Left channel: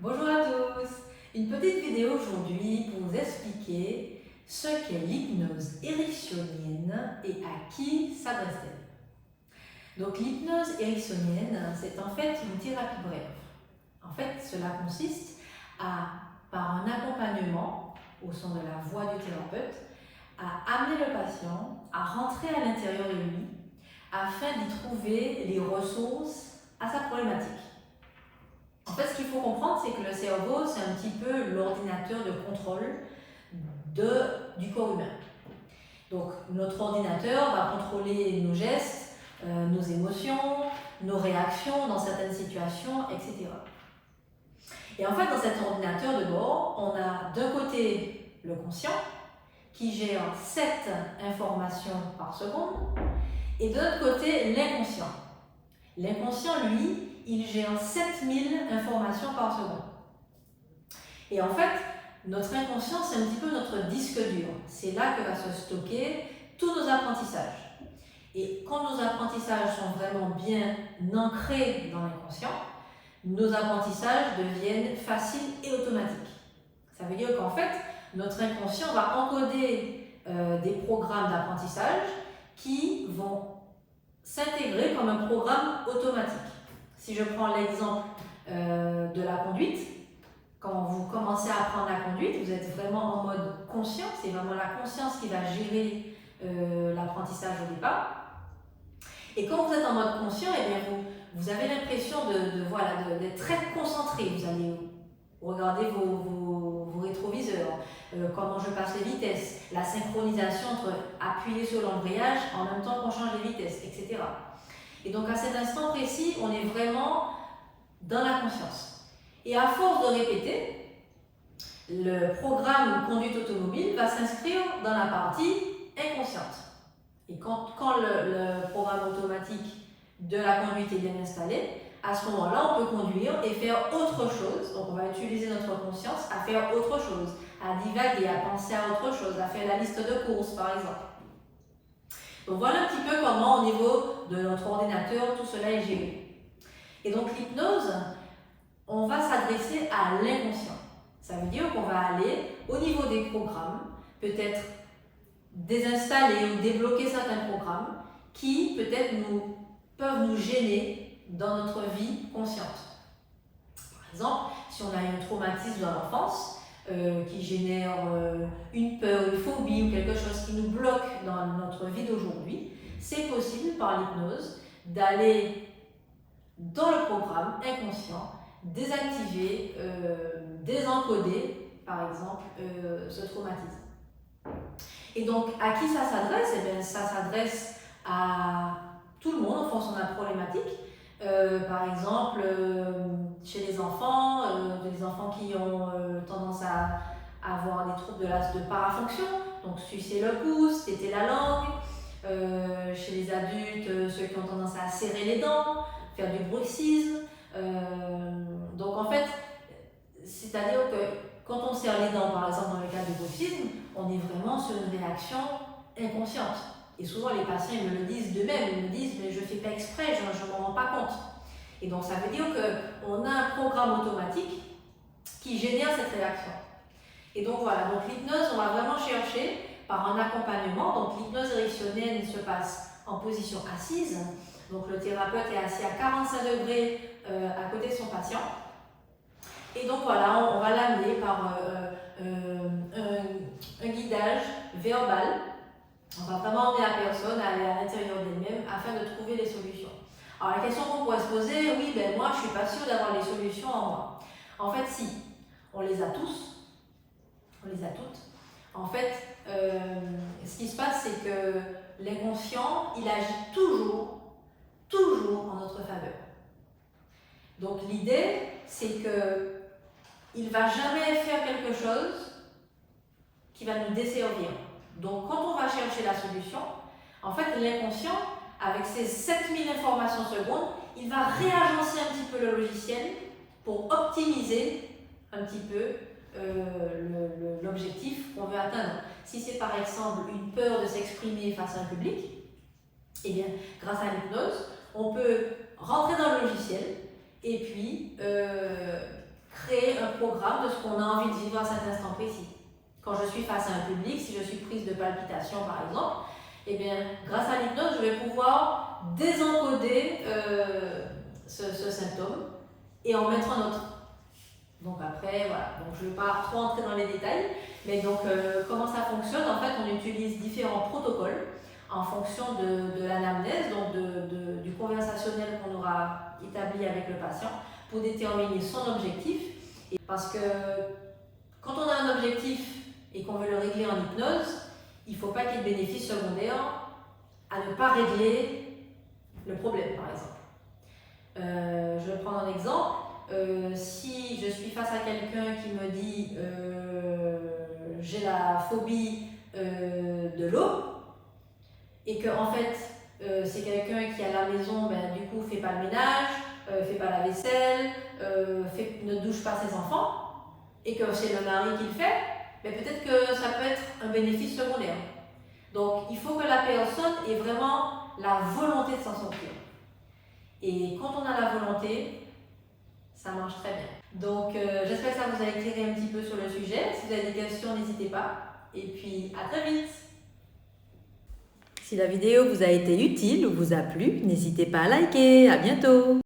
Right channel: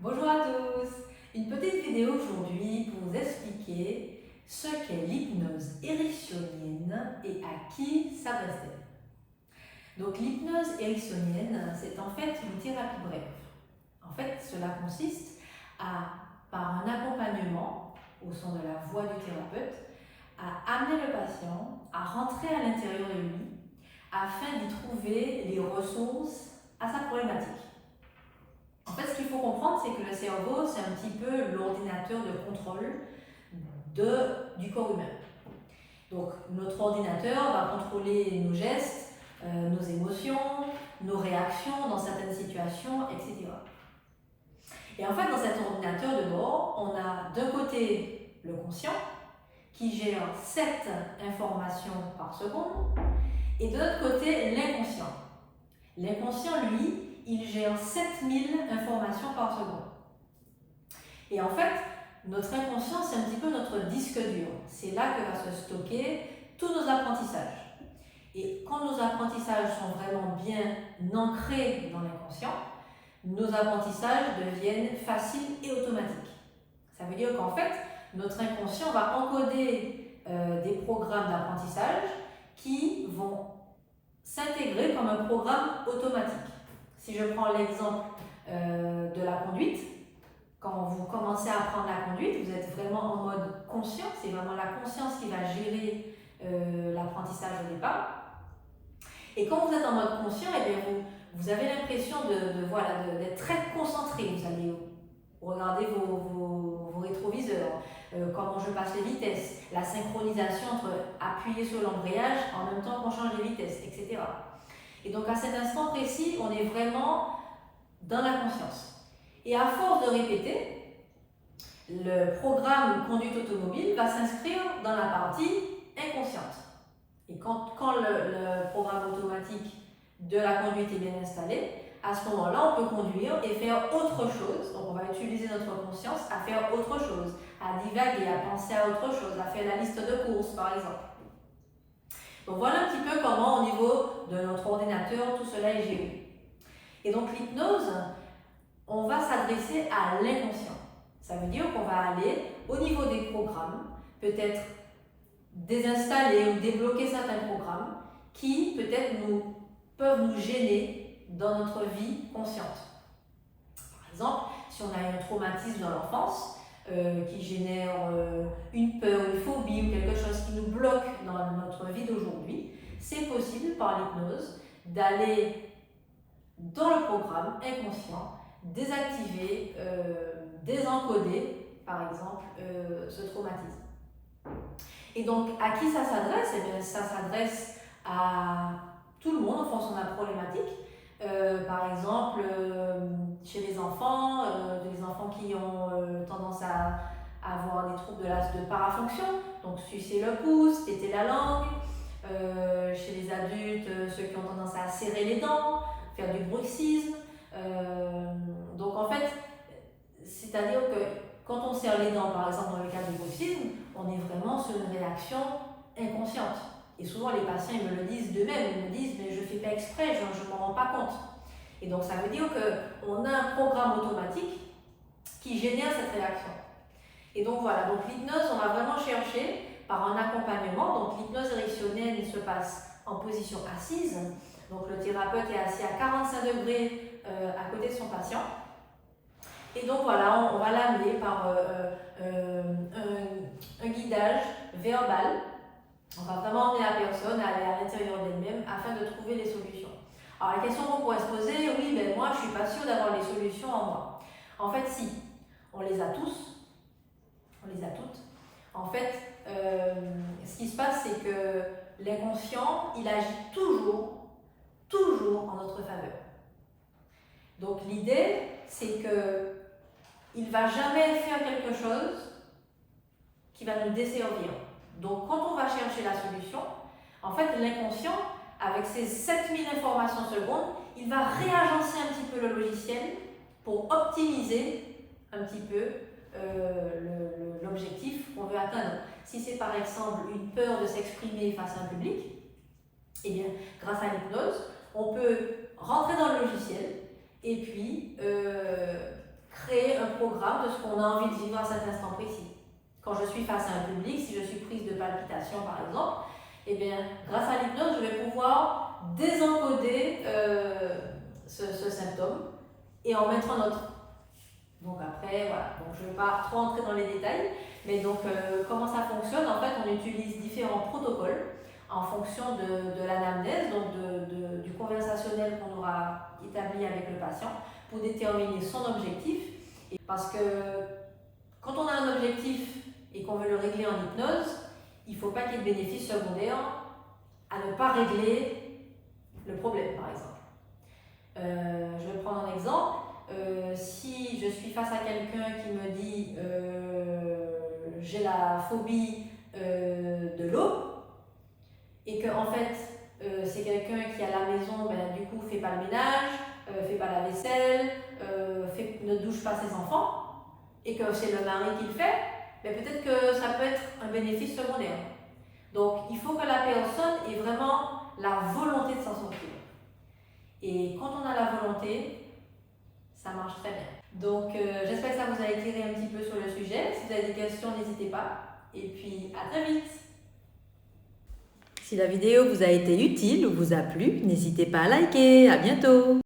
Bonjour à tous. Une petite vidéo aujourd'hui pour vous expliquer ce qu'est l'hypnose ericksonienne et à qui s'adresse-t-elle. Donc l'hypnose ericksonienne, c'est en fait une thérapie brève. En fait, cela consiste par un accompagnement au son de la voix du thérapeute, à amener le patient à rentrer à l'intérieur de lui afin d'y trouver les ressources à sa problématique. En fait, ce qu'il faut comprendre, c'est que le cerveau, c'est un petit peu l'ordinateur de contrôle du corps humain. Donc, notre ordinateur va contrôler nos gestes, nos émotions, nos réactions dans certaines situations, etc. Et en fait, dans cet ordinateur de bord, on a d'un côté le conscient, qui gère 7 informations par seconde, et de l'autre côté, l'inconscient. L'inconscient, lui, il gère 7000 informations par seconde. Et en fait, notre inconscient, c'est un petit peu notre disque dur. C'est là que va se stocker tous nos apprentissages. Et quand nos apprentissages sont vraiment bien ancrés dans l'inconscient, nos apprentissages deviennent faciles et automatiques. Ça veut dire qu'en fait, notre inconscient va encoder des programmes d'apprentissage qui vont s'intégrer comme un programme automatique. Si je prends l'exemple de la conduite, quand vous commencez à apprendre la conduite, vous êtes vraiment en mode conscient, c'est vraiment la conscience qui va gérer l'apprentissage au départ. Et quand vous êtes en mode conscient, eh bien vous avez l'impression d'être très concentré. Vous allez regarder vos rétroviseurs, comment je passe les vitesses, la synchronisation entre appuyer sur l'embrayage en même temps qu'on change les vitesses, etc. Et donc à cet instant précis, on est vraiment dans la conscience. Et à force de répéter, le programme conduite automobile va s'inscrire dans la partie inconsciente. Et quand le programme automatique de la conduite est bien installé, à ce moment-là, on peut conduire et faire autre chose. Donc on va utiliser notre conscience à faire autre chose, à divaguer, à penser à autre chose, à faire la liste de courses par exemple. Donc voilà un petit peu comment au niveau de notre ordinateur tout cela est géré. Et donc l'hypnose, on va s'adresser à l'inconscient. Ça veut dire qu'on va aller au niveau des programmes, peut-être désinstaller ou débloquer certains programmes qui peut-être peuvent nous gêner dans notre vie consciente. Par exemple, si on a eu un traumatisme dans l'enfance qui génère une peur, une phobie ou quelque chose qui nous bloque dans notre vie d'aujourd'hui, c'est possible par l'hypnose d'aller dans le programme inconscient, désactiver, désencoder par exemple ce traumatisme. Et donc à qui ça s'adresse? Eh bien, ça s'adresse à tout le monde en fonction de la problématique. Par exemple, chez les enfants qui ont tendance à avoir des troubles de parafonction, donc sucer le pouce, téter la langue. Chez les adultes, ceux qui ont tendance à serrer les dents, faire du bruxisme. Donc en fait, c'est-à-dire que quand on serre les dents, par exemple dans le cas du bruxisme, on est vraiment sur une réaction inconsciente. Et souvent les patients ils me le disent d'eux-mêmes, ils me disent mais je ne fais pas exprès, je ne m'en rends pas compte. Et donc ça veut dire qu'on a un programme automatique qui génère cette réaction. Et donc voilà, donc l'hypnose, on va vraiment chercher par un accompagnement. Donc l'hypnose ericksonienne se passe en position assise. Donc le thérapeute est assis à 45 degrés à côté de son patient. Et donc voilà, on va l'amener par un guidage verbal. On va vraiment emmener la personne à aller à l'intérieur d'elle-même afin de trouver des solutions. Alors la question qu'on pourrait se poser, oui, ben moi je ne suis pas sûre d'avoir les solutions en moi. En fait, si, on les a tous, on les a toutes. En fait, ce qui se passe, c'est que l'inconscient, il agit toujours en notre faveur. Donc l'idée, c'est qu'il ne va jamais faire quelque chose qui va nous desservir. Donc quand on va chercher la solution, en fait l'inconscient, avec ses 7000 informations secondes, il va réagencer un petit peu le logiciel pour optimiser un petit peu l'objectif qu'on veut atteindre. Si c'est par exemple une peur de s'exprimer face à un public, eh bien grâce à l'hypnose, on peut rentrer dans le logiciel et puis créer programme de ce qu'on a envie de vivre à cet instant précis. Quand je suis face à un public, si je suis prise de palpitations par exemple, eh bien, grâce à l'hypnose, je vais pouvoir désencoder ce symptôme et en mettre un autre. Donc après, voilà, donc je ne vais pas trop entrer dans les détails, mais donc comment ça fonctionne? En fait, on utilise différents protocoles en fonction de l'anamnèse, donc du conversationnel qu'on aura établi avec le patient pour déterminer son objectif. Et parce que quand on a un objectif et qu'on veut le régler en hypnose, il ne faut pas qu'il y ait de bénéfices secondaires à ne pas régler le problème, par exemple. Je vais prendre un exemple. Si je suis face à quelqu'un qui me dit j'ai la phobie de l'eau et que en fait c'est quelqu'un qui à la maison du coup fait pas le ménage, fait pas la vaisselle, ne douche pas ses enfants et que c'est le mari qui le fait, peut-être que ça peut être un bénéfice secondaire. Donc il faut que la personne ait vraiment la volonté de s'en sortir. Et quand on a la volonté, ça marche très bien. Donc j'espère que ça vous a éclairé un petit peu sur le sujet. Si vous avez des questions, n'hésitez pas. Et puis à très vite. Si la vidéo vous a été utile ou vous a plu, n'hésitez pas à liker. À bientôt.